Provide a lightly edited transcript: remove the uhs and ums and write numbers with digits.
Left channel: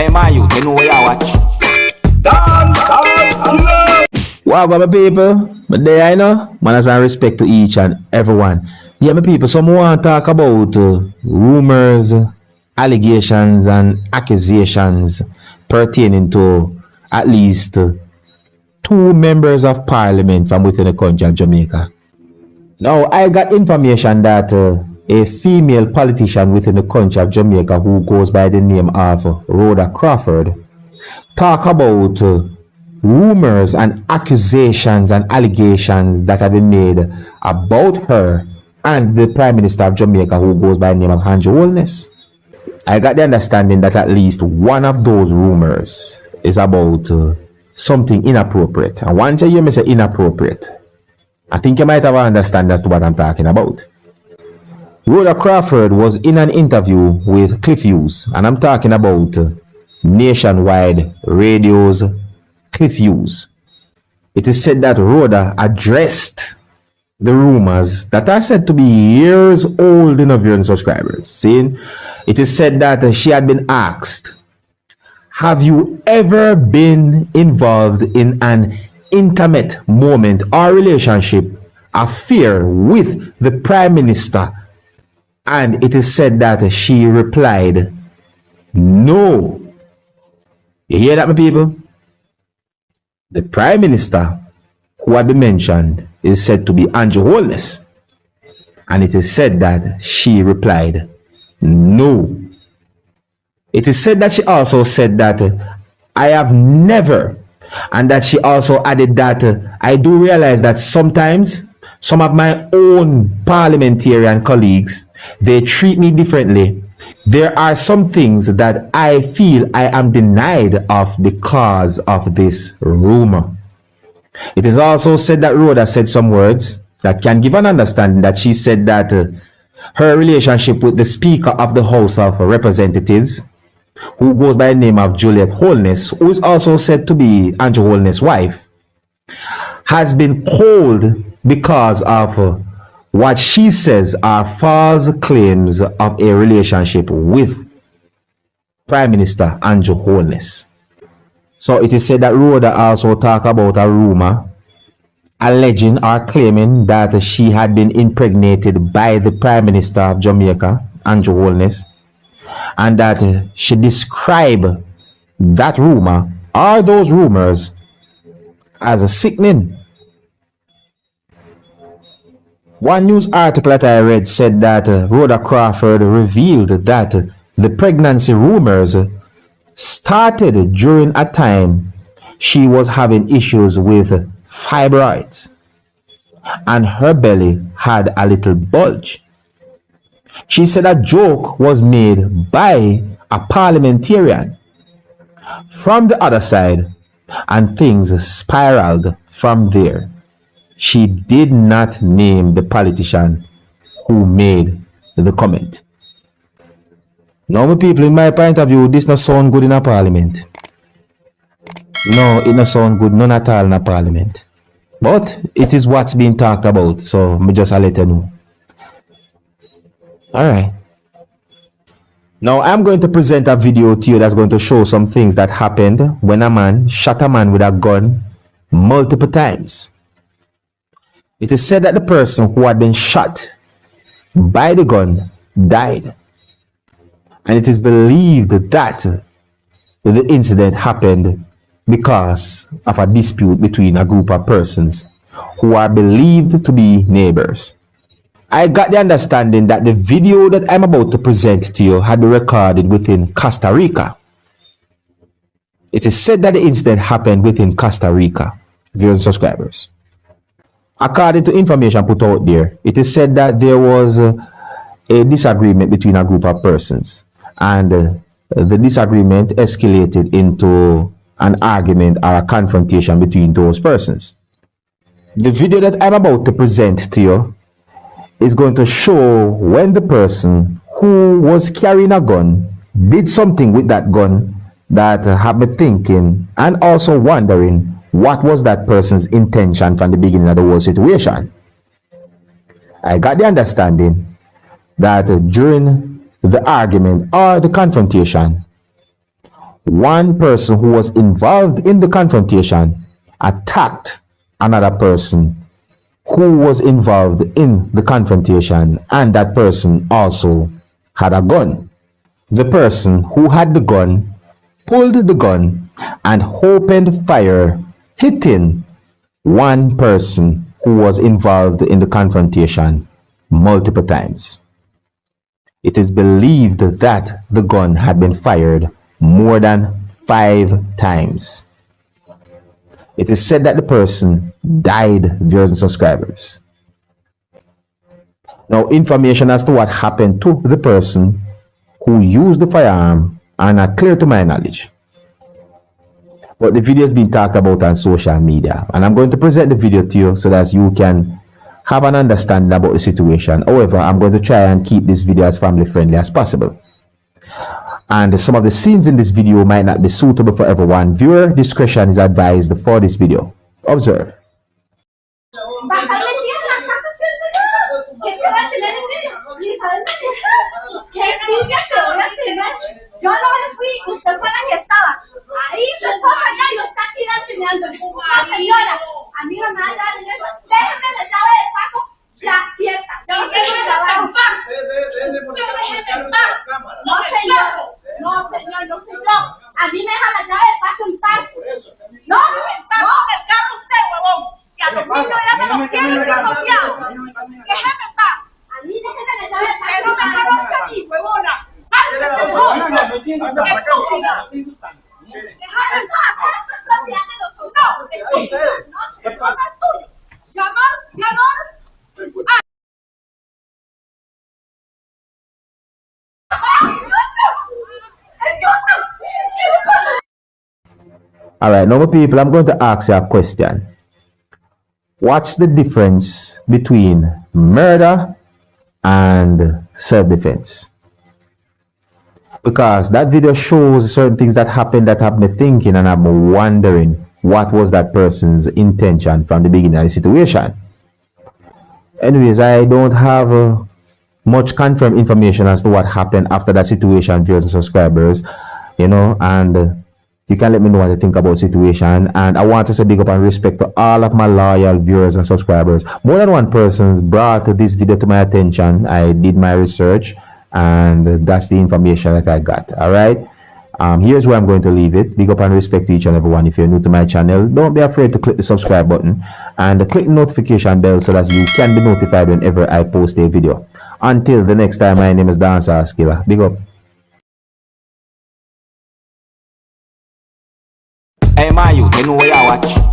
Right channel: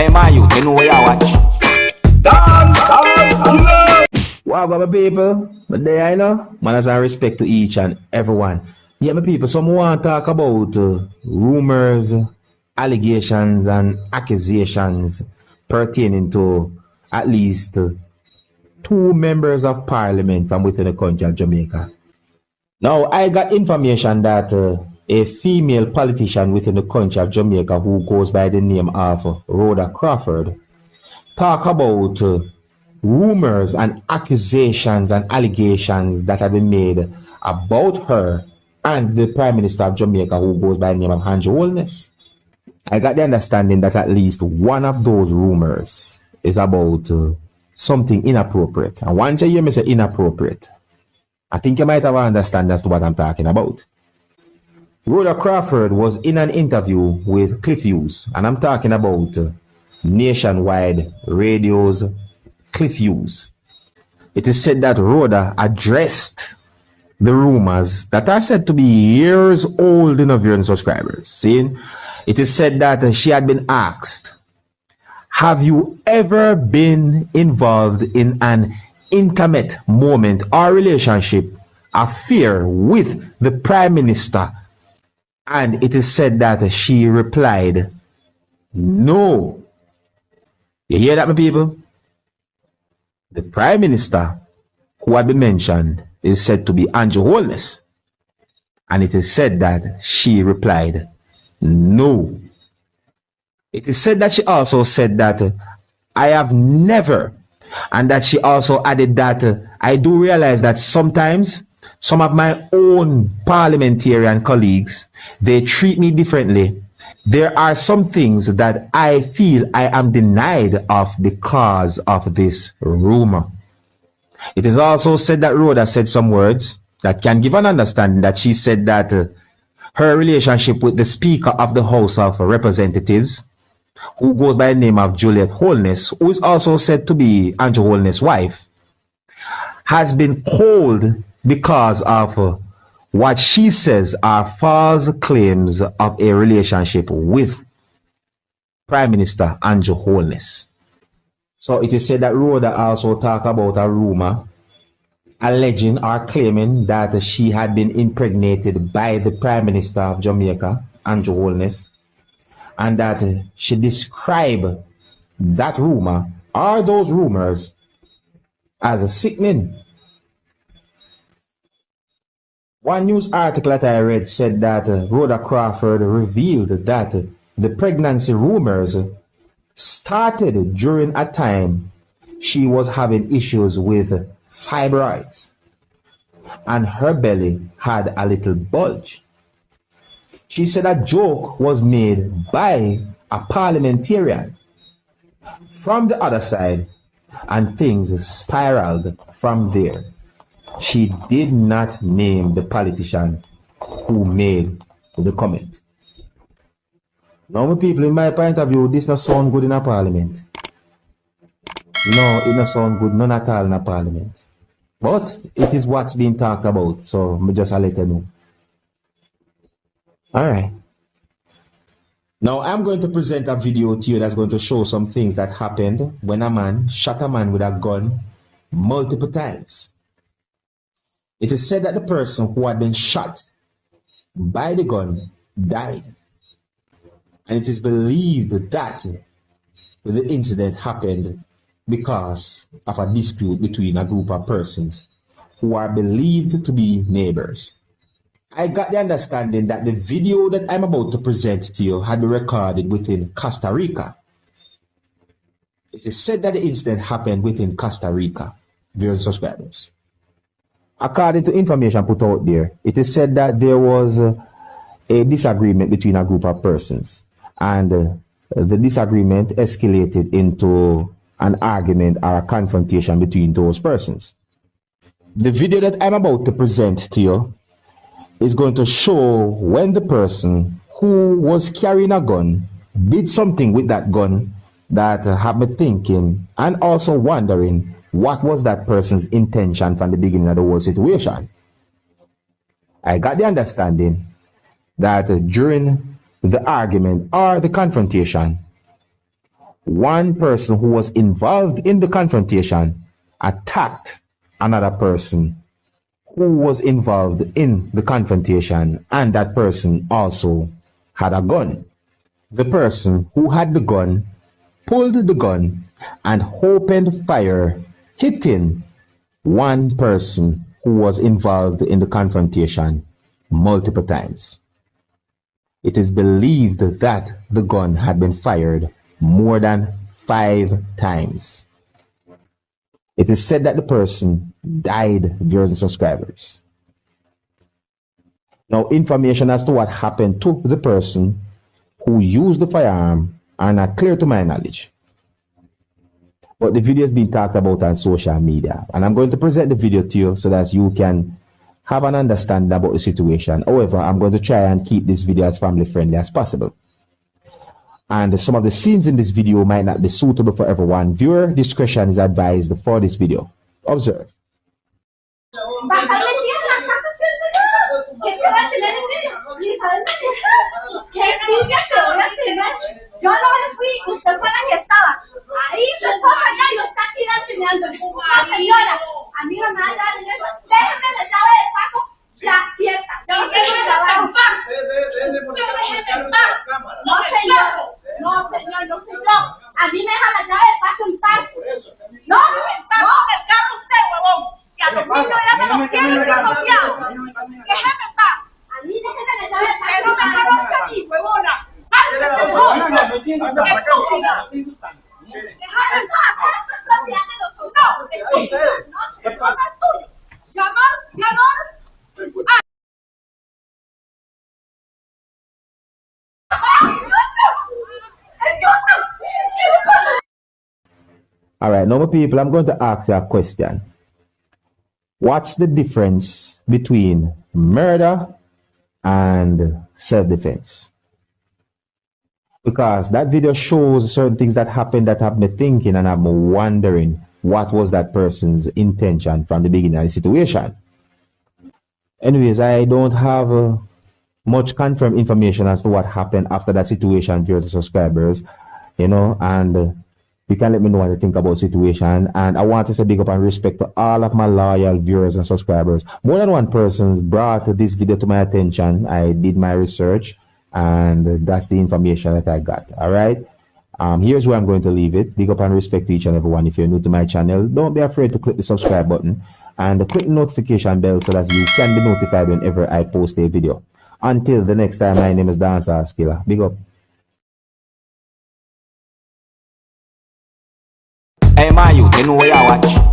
Hey man, you know where you watch. Dancehall skilla. Wow, my people, but there I know, man has a respect to each and everyone. Yeah, my people, some want to talk about rumors, allegations, and accusations pertaining to at least two members of parliament from within the country of Jamaica. Now, I got information that a female politician within the country of Jamaica who goes by the name of Rhoda Crawford talk about rumors and accusations and allegations that have been made about her and the Prime Minister of Jamaica who goes by the name of Andrew Holness. I got the understanding that at least one of those rumors is about something inappropriate. And once you hear me say inappropriate, I think you might have an understanding as to what I'm talking about. Rhoda Crawford was in an interview with Cliff Hughes, and I'm talking about Nationwide Radio's Cliff Hughes. It is said that Rhoda addressed the rumors that are said to be years old in her viewing subscribers. Seeing, it is said that she had been asked, have you ever been involved in an intimate moment or relationship, affair with the Prime Minister? And it is said that she replied, no. You hear that, my people? The Prime Minister who had been mentioned is said to be Andrew Holness. And it is said that she replied, no. It is said that she also said that I have never, and that she also added that I do realize that sometimes some of my own parliamentarian colleagues, they treat me differently. There are some things that I feel I am denied of because of this rumor. It is also said that Rhoda said some words that can give an understanding that she said that her relationship with the Speaker of the House of Representatives, who goes by the name of Juliet Holness, who is also said to be Andrew Holness' wife, has been cold because of what she says are false claims of a relationship with Prime Minister Andrew Holness. So it is said that Rhoda also talked about a rumor alleging or claiming that she had been impregnated by the Prime Minister of Jamaica, Andrew Holness, and that she described that rumor or those rumors as sickening. One news article that I read said that Rhoda Crawford revealed that the pregnancy rumors started during a time she was having issues with fibroids and her belly had a little bulge. She said a joke was made by a parliamentarian from the other side and things spiraled from there. She did not name the politician who made the comment. Now, my people, in my point of view, this not sound good in a parliament. No, it not sound good, none at all in a parliament. But it is what's being talked about, so me just let you know. Alright. Now, I'm going to present a video to you that's going to show some things that happened when a man shot a man with a gun multiple times. It is said that the person who had been shot by the gun died. And it is believed that the incident happened because of a dispute between a group of persons who are believed to be neighbors. I got the understanding that the video that I'm about to present to you had been recorded within Costa Rica. It is said that the incident happened within Costa Rica, viewers and subscribers. According to information put out there, it is said that there was a disagreement between a group of persons, and the disagreement escalated into an argument or a confrontation between those persons. The video that I'm about to present to you is going to show when the person who was carrying a gun did something with that gun that have me thinking and also wondering what was that person's intention from the beginning of the whole situation. I got the understanding that during the argument or the confrontation, one person who was involved in the confrontation attacked another person who was involved in the confrontation, and that person also had a gun. The person who had the gun pulled the gun and opened fire, hitting one person who was involved in the confrontation multiple times. It is believed that the gun had been fired more than 5 times. It is said that the person died, viewers and subscribers. Now, information as to what happened to the person who used the firearm are not clear to my knowledge. But the video has been talked about on social media, and I'm going to present the video to you so that you can have an understanding about the situation. However, I'm going to try and keep this video as family friendly as possible. And some of the scenes in this video might not be suitable for everyone. Viewer discretion is advised for this video. Observe. Yo no le fui, usted fue la que estaba. Ahí su esposa ya lo está tirando y mirando. La señora, a mí no me va a dar dinero. Déjeme la llave de paso ya quieta. Yo no quiero trabajo. No, señor. No, señor, no, señor. A mí me deja la llave de paso en paz. No, no, me cago usted, huevón. Que a los niños ya me los quieren desconfiados. Déjeme en paz. A mí déjeme la llave de paso. Que no me conozca a mí, huevona. All right, now people, I'm going to ask you a question. What's the difference between murder and self-defense? Because that video shows certain things that happened that have me thinking, and I'm wondering what was that person's intention from the beginning of the situation. Anyways, I don't have much confirmed information as to what happened after that situation, viewers and subscribers, you know, and you can let me know what you think about the situation. And I want to say big up and respect to all of my loyal viewers and subscribers. More than one person brought this video to my attention. I did my research, and that's the information that I got. All right, here's where I'm going to leave it. Big up and respect to each and everyone. If you're new to my channel, don't be afraid to click the subscribe button and click the notification bell so that you can be notified whenever I post a video. Until the next time, my name is Dancehall Skilla. Big up. Hey, my youth, you know where you watch.